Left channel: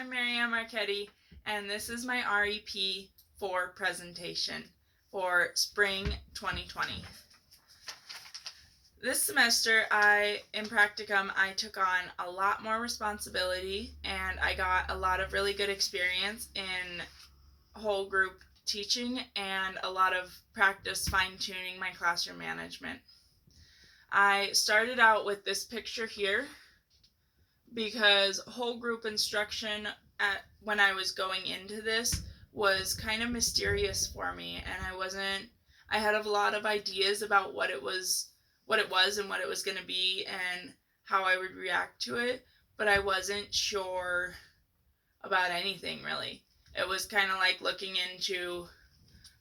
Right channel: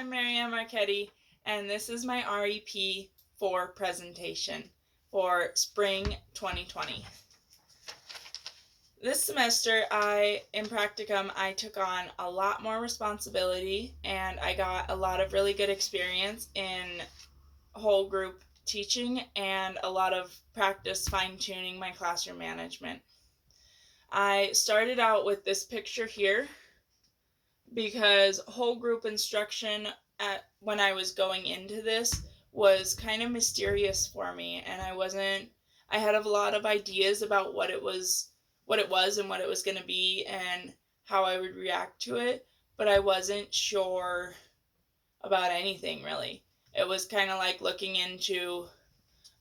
I'm Marianne Marchetti, and this is my R.E.P. 4 presentation for spring 2020. This semester, in practicum, I took on a lot more responsibility, and I got a lot of really good experience in whole group teaching and a lot of practice fine-tuning my classroom management. I started out with this picture here because whole group instruction when I was going into this was kind of mysterious for me, and I had a lot of ideas about what it was and what it was going to be and how I would react to it, but I wasn't sure about anything really. It was kind of like looking into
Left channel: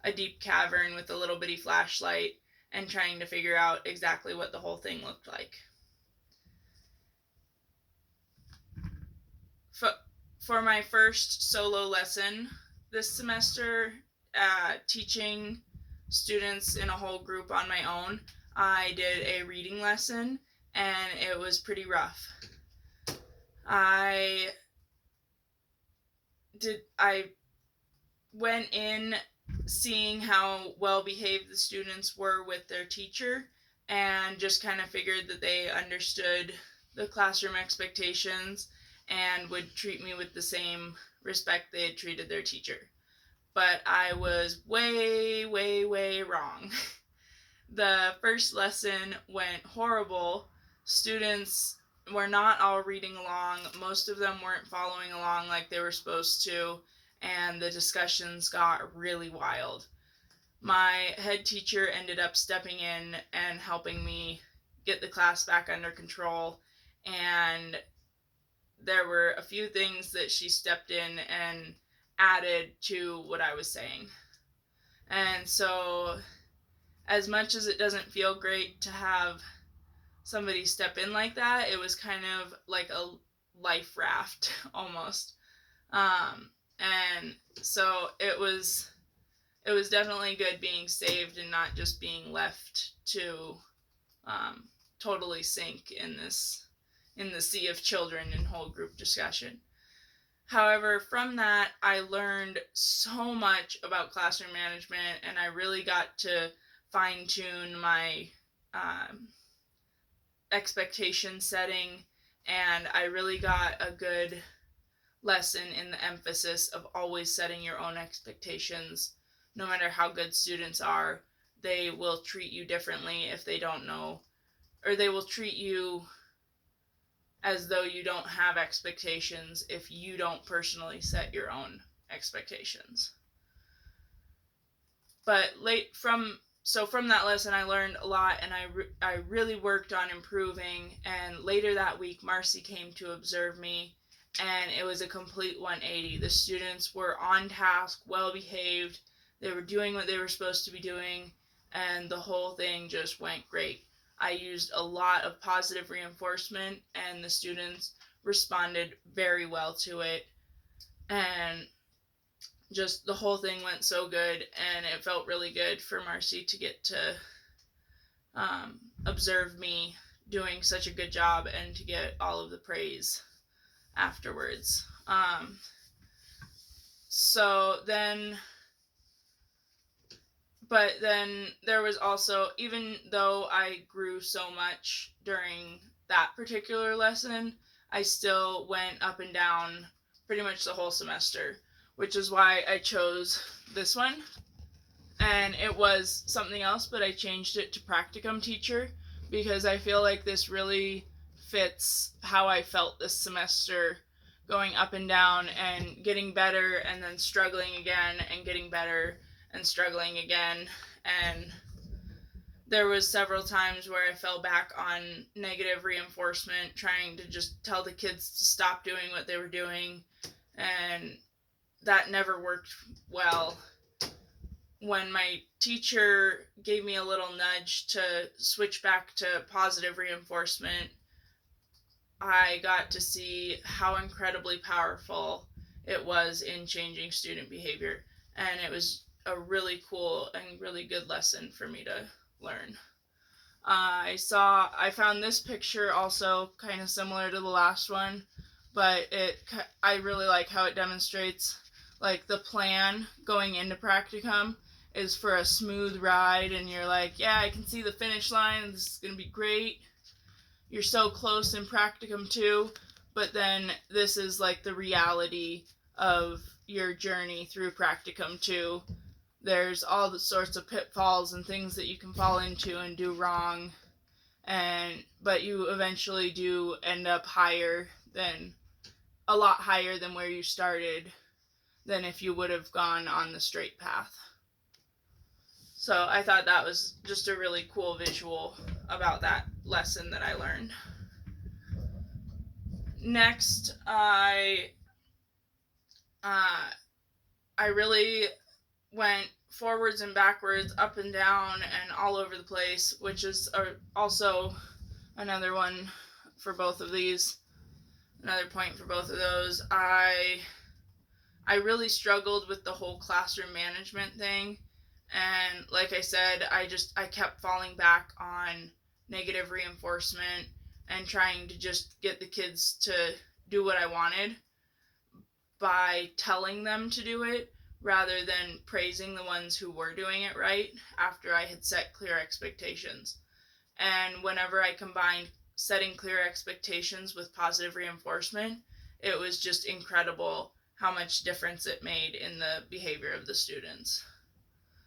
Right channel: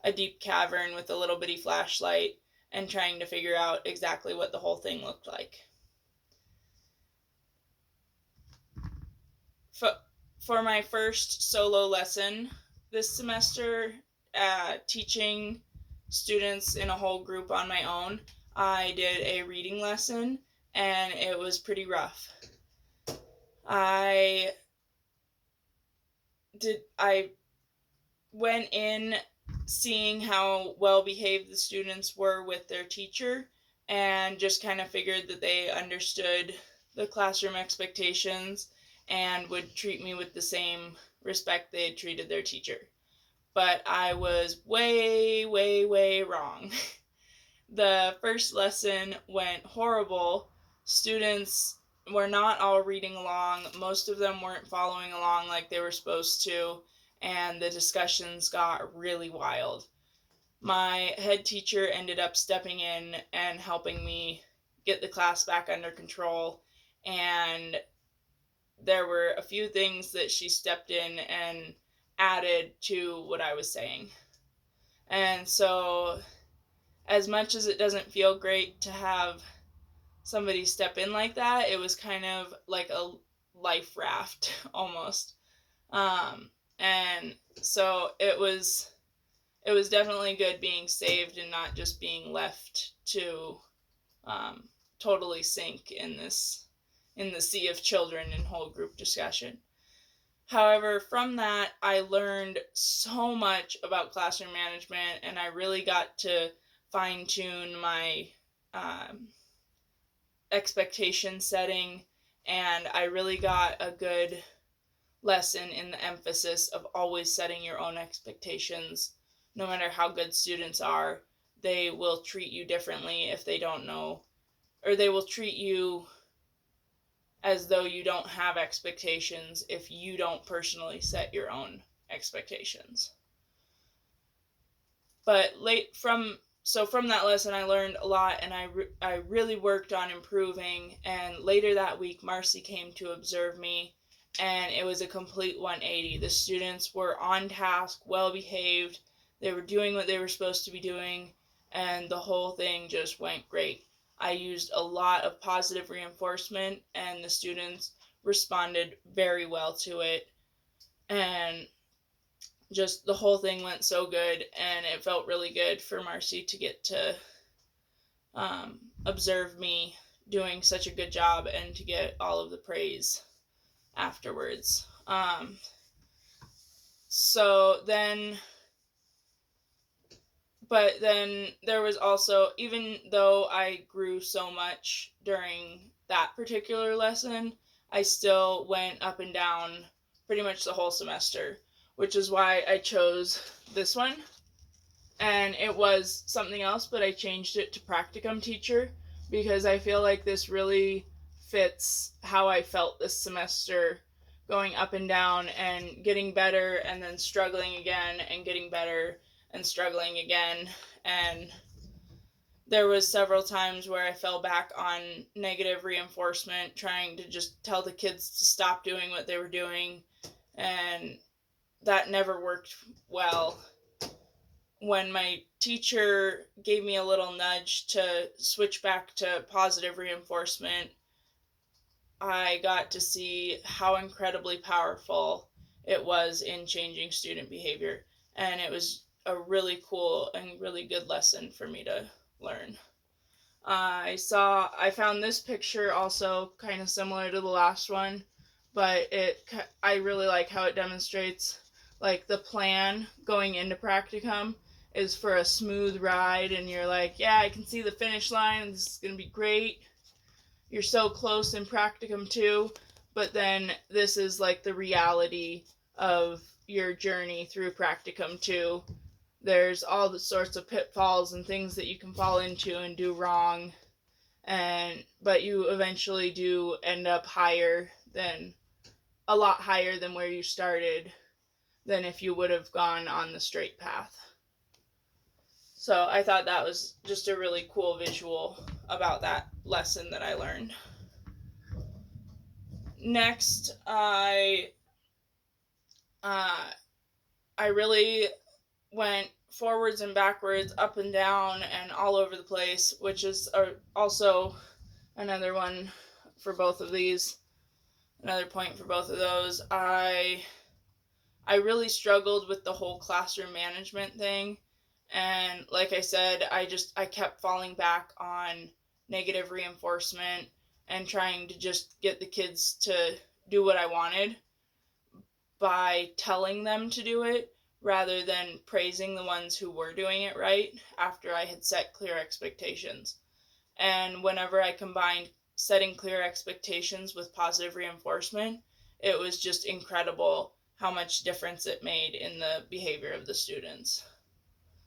a deep cavern with a little bitty flashlight and trying to figure out exactly what the whole thing looked like. For my first solo lesson this semester, teaching students in a whole group on my own, I did a reading lesson, and it was pretty rough. I went in seeing how well behaved the students were with their teacher, and just kind of figured that they understood the classroom expectations and would treat me with the same respect they had treated their teacher. But I was way, way, way wrong. The first lesson went horrible. Students were not all reading along. Most of them weren't following along like they were supposed to, and the discussions got really wild. My head teacher ended up stepping in and helping me get the class back under control, and there were a few things that she stepped in and added to what I was saying. And so, as much as it doesn't feel great to have somebody step in like that, it was kind of like a life raft almost. And so it was definitely good being saved and not just being left to totally sink in the sea of children in whole group discussion. However, from that, I learned so much about classroom management, and I really got to fine-tune my expectation setting, and I really got a good lesson in the emphasis of always setting your own expectations. No matter how good students are, they will treat you differently if they don't know, or they will treat you as though you don't have expectations if you don't personally set your own expectations. But from that lesson, I learned a lot, and I really worked on improving. And later that week, Marcy came to observe me, and it was a complete 180. The students were on task, well behaved. They were doing what they were supposed to be doing, and the whole thing just went great. I used a lot of positive reinforcement, and the students responded very well to it. And just the whole thing went so good, and it felt really good for Marcy to get to observe me doing such a good job and to get all of the praise afterwards. But then there was also, even though I grew so much during that particular lesson, I still went up and down pretty much the whole semester, which is why I chose this one. And it was something else, but I changed it to practicum teacher because I feel like this really fits how I felt this semester, going up and down and getting better and then struggling again and getting better and struggling again. And there was several times where I fell back on negative reinforcement, trying to just tell the kids to stop doing what they were doing, and that never worked well. When my teacher gave me a little nudge to switch back to positive reinforcement, I got to see how incredibly powerful it was in changing student behavior, and it was a really cool and really good lesson for me to learn. I found this picture also kind of similar to the last one, but I really like how it demonstrates like the plan going into practicum is for a smooth ride, and you're like, yeah, I can see the finish line, and this is going to be great. You're so close in practicum too, but then this is like the reality of your journey through practicum too. There's all the sorts of pitfalls and things that you can fall into and do wrong, but you eventually do end up a lot higher than where you started than if you would have gone on the straight path. So I thought that was just a really cool visual about that lesson that I learned. Next, I really went forwards and backwards, up and down, and all over the place, which is also another one for both of these. Another point for both of those. I really struggled with the whole classroom management thing. And like I said, I kept falling back on negative reinforcement and trying to just get the kids to do what I wanted by telling them to do it rather than praising the ones who were doing it right after I had set clear expectations. And whenever I combined setting clear expectations with positive reinforcement, it was just incredible how much difference it made in the behavior of the students.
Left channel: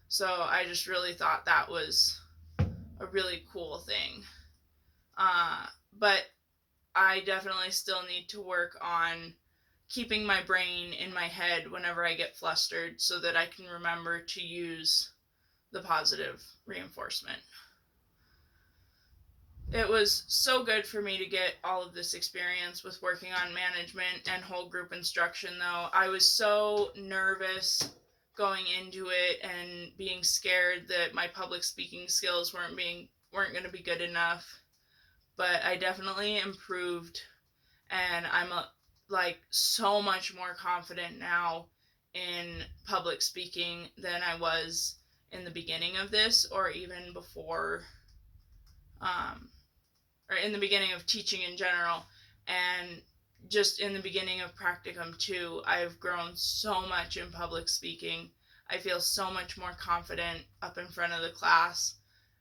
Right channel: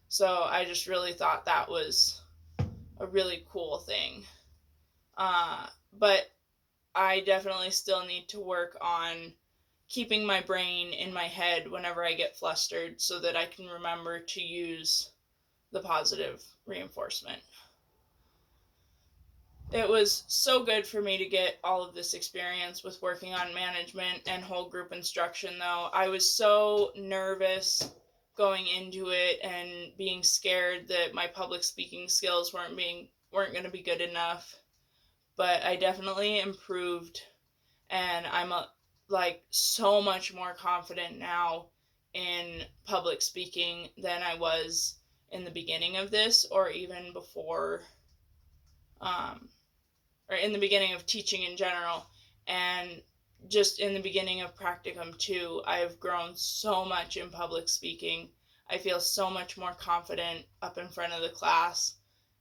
So I just really thought that was a really cool thing. But I definitely still need to work on keeping my brain in my head whenever I get flustered so that I can remember to use the positive reinforcement. It was so good for me to get all of this experience with working on management and whole group instruction, though. I was so nervous going into it and being scared that my public speaking skills weren't going to be good enough. But I definitely improved, and I'm so much more confident now in public speaking than I was in the beginning of this, or even before, or in the beginning of teaching in general, and just in the beginning of practicum too. I have grown so much in public speaking. I feel so much more confident up in front of the class,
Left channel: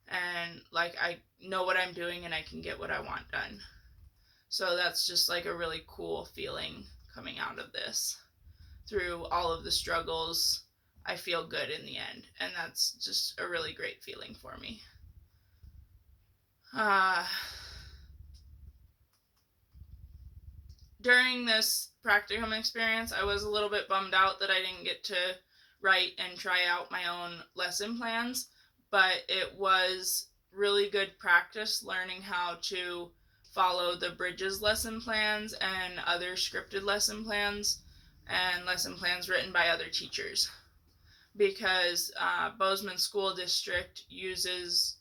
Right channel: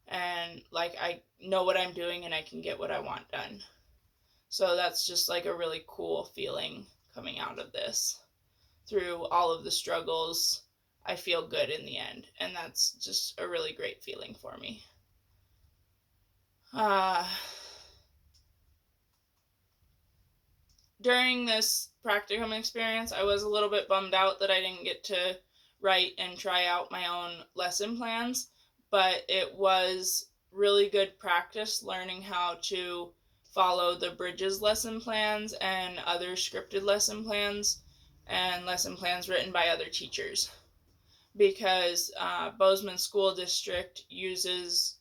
and like I know what I'm doing and I can get what I want done. So that's just like a really cool feeling coming out of this. Through all of the struggles, I feel good in the end, and that's just a really great feeling for me. During this practicum experience, I was a little bit bummed out that I didn't get to write and try out my own lesson plans, but it was really good practice learning how to follow the Bridges lesson plans and other scripted lesson plans and lesson plans written by other teachers, because Bozeman School District uses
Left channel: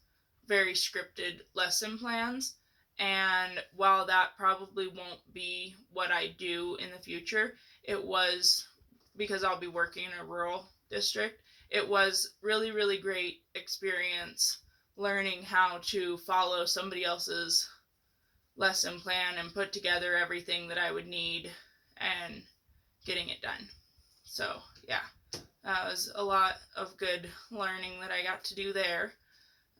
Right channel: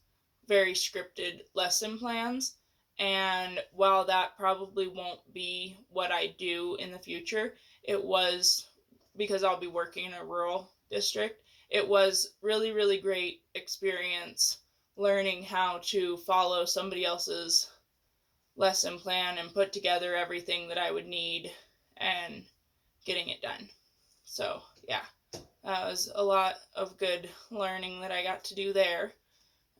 very scripted lesson plans. And while that probably won't be what I do in the future, it was, because I'll be working in a rural district, it was really, really great experience learning how to follow somebody else's lesson plan and put together everything that I would need and getting it done. So, yeah, that was a lot of good learning that I got to do there.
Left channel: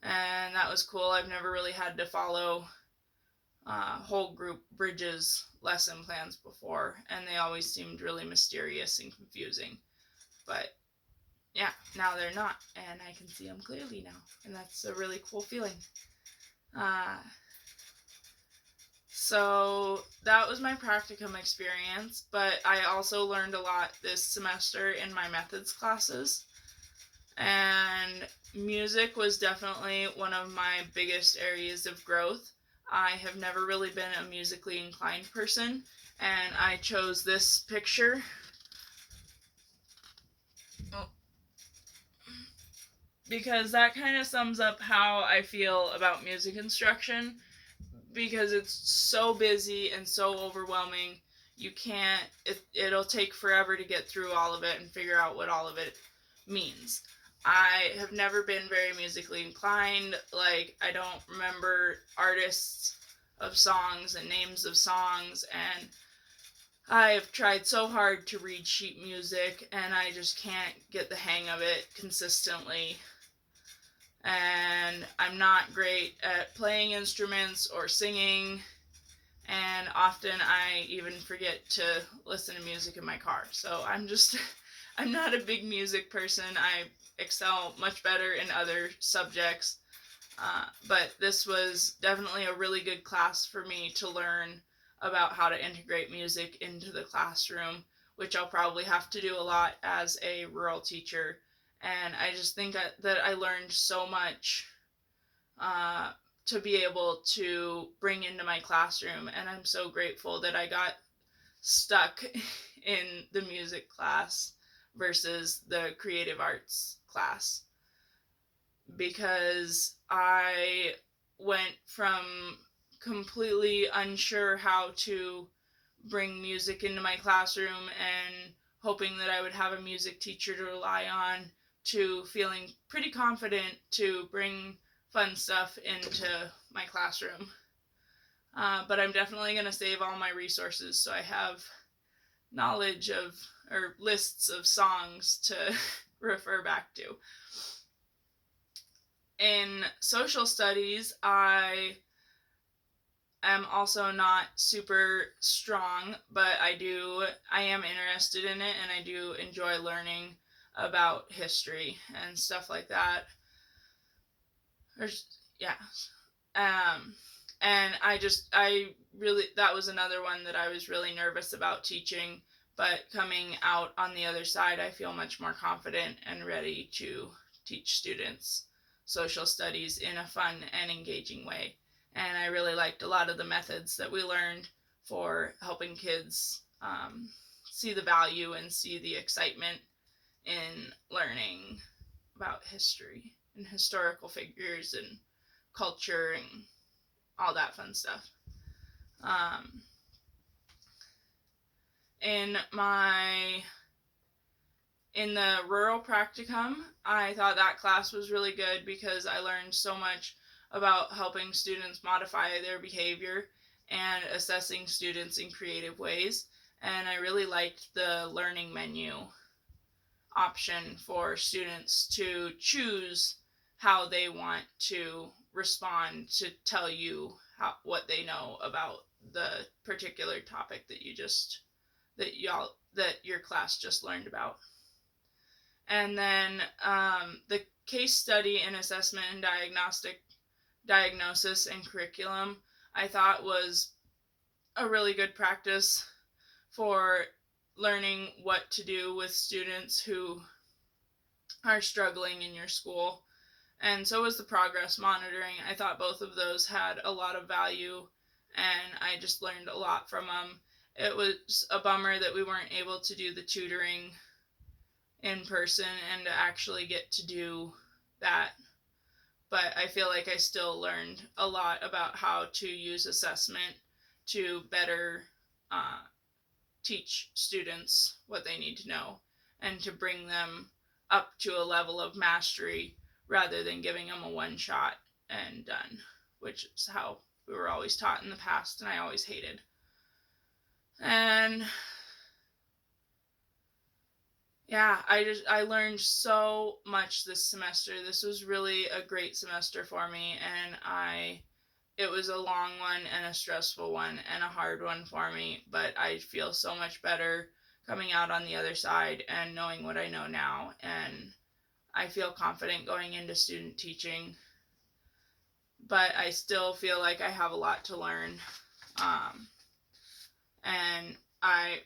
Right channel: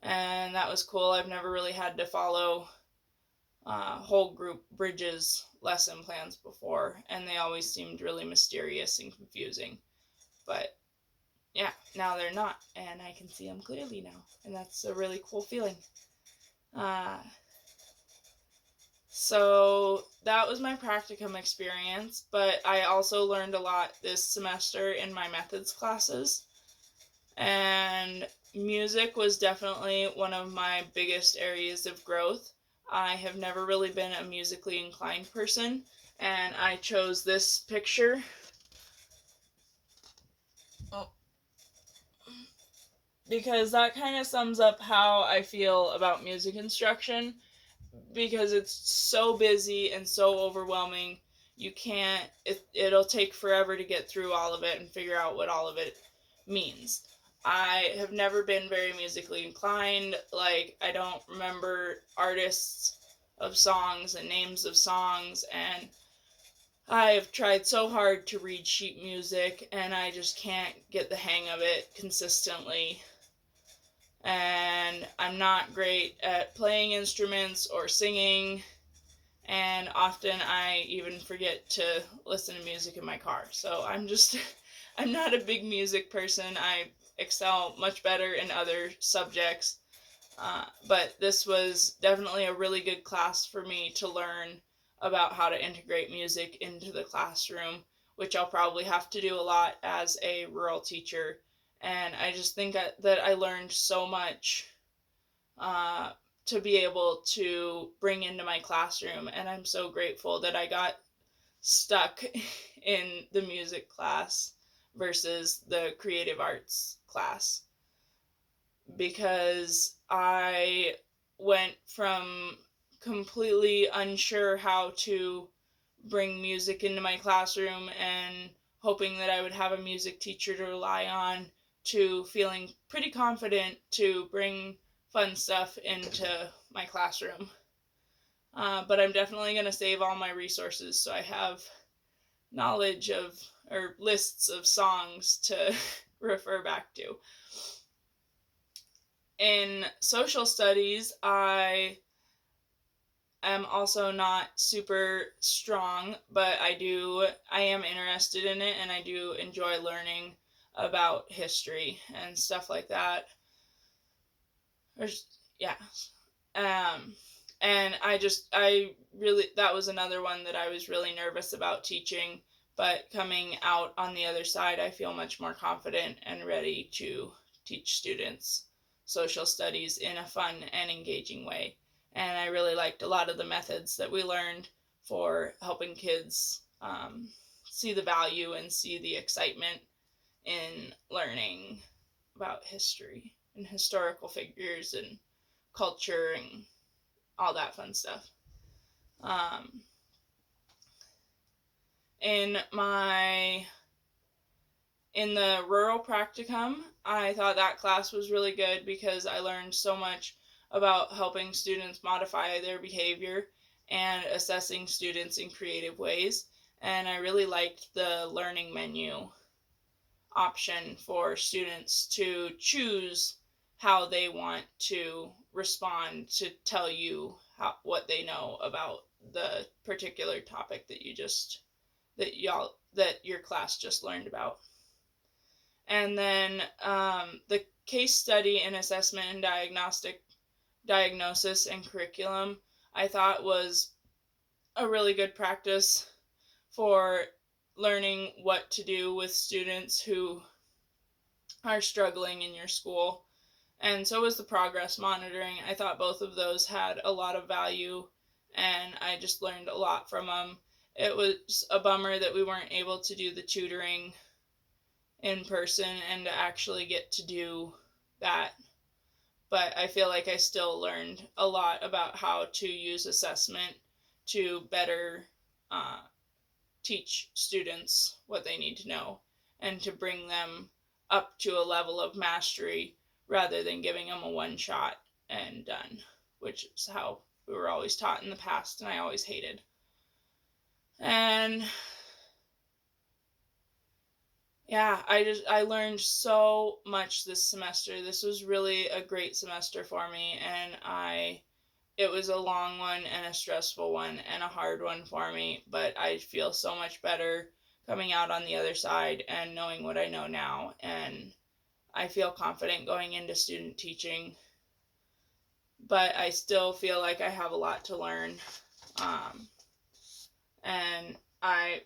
And that was cool. I've never really had to follow whole group Bridges lesson plans before, and they always seemed really mysterious and confusing. But yeah, now they're not, and I can see them clearly now, and that's a really cool feeling. So that was my practicum experience, but I also learned a lot this semester in my methods classes. And music was definitely one of my biggest areas of growth. I have never really been a musically inclined person, and I chose this picture because that kind of sums up how I feel about music instruction, because it's so busy and so overwhelming. You can't, it'll take forever to get through all of it and figure out what all of it means. I have never been very musically inclined. Like, I don't remember artists of songs and names of songs, and I've tried so hard to read sheet music, and I just can't get the hang of it consistently. And I'm not great at playing instruments or singing, and often I even forget to listen to music in my car. So I'm not a big music person. I excel much better in other subjects, but this was definitely a really good class for me to learn about how to integrate music into the classroom, which I'll probably have to do a lot as a rural teacher. And I just think that I learned so much uh, to be able to bring into my classroom. And I'm so grateful that I got stuck in the music class versus the creative arts class, because I went from completely unsure how to bring music into my classroom and hoping that I would have a music teacher to rely on, to feeling pretty confident to bring fun stuff into my classroom. But I'm definitely going to save all my resources so I have knowledge of, or lists of songs to refer back to. In social studies, I am also not super strong, but I am interested in it, and I do enjoy learning about history and stuff like that. There's, yeah. Um, and that was another one that I was really nervous about teaching, but coming out on the other side, I feel much more confident and ready to teach students social studies in a fun and engaging way. And I really liked a lot of the methods that we learned for helping kids see the value and see the excitement in learning about history and historical figures and culture and all that fun stuff. Um, in the rural practicum, I thought that class was really good because I learned so much about helping students modify their behavior and assessing students in creative ways. And I really liked the learning menu option for students to choose how they want to respond to tell you what they know about the particular topic that your class just learned about. And then the case study and assessment and diagnosis and curriculum, I thought was a really good practice for learning what to do with students who are struggling in your school. And so was the progress monitoring. I thought both of those had a lot of value, and I just learned a lot from them. It was a bummer that we weren't able to do the tutoring in person and to actually get to do that. But I feel like I still learned a lot about how to use assessment to better teach students what they need to know and to bring them up to a level of mastery rather than giving them a one shot and done, which is how we were always taught in the past and I always hated. And yeah, I learned so much this semester. This was really a great semester for me, and it was a long one and a stressful one and a hard one for me, but I feel so much better coming out on the other side and knowing what I know now, and I feel confident going into student teaching, but I still feel like I have a lot to learn, and I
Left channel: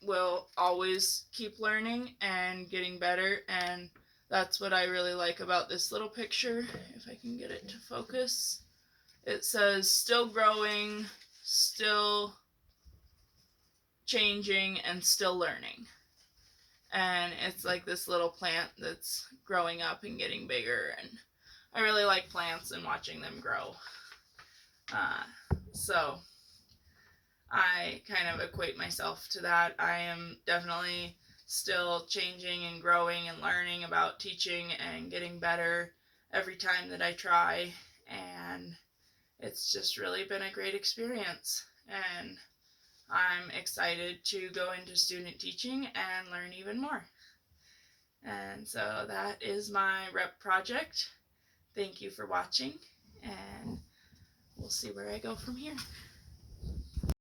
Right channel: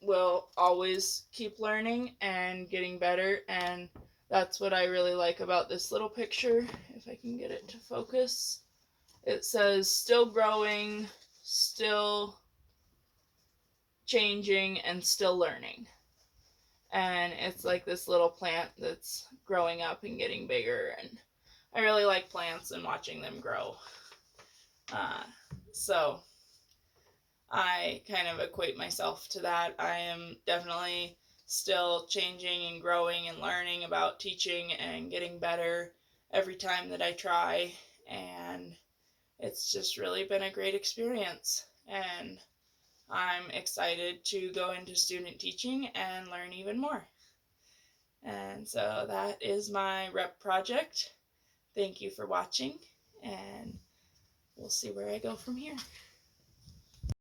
will always keep learning and getting better, and that's what I really like about this little picture. If I can get it to focus, it says still growing, still changing, and still learning. And it's like this little plant that's growing up and getting bigger, and I really like plants and watching them grow. So I kind of equate myself to that. I am definitely still changing and growing and learning about teaching and getting better every time that I try, and it's just really been a great experience, and I'm excited to go into student teaching and learn even more. And so that is my R.E.P project. Thank you for watching, and we'll see where I go from here.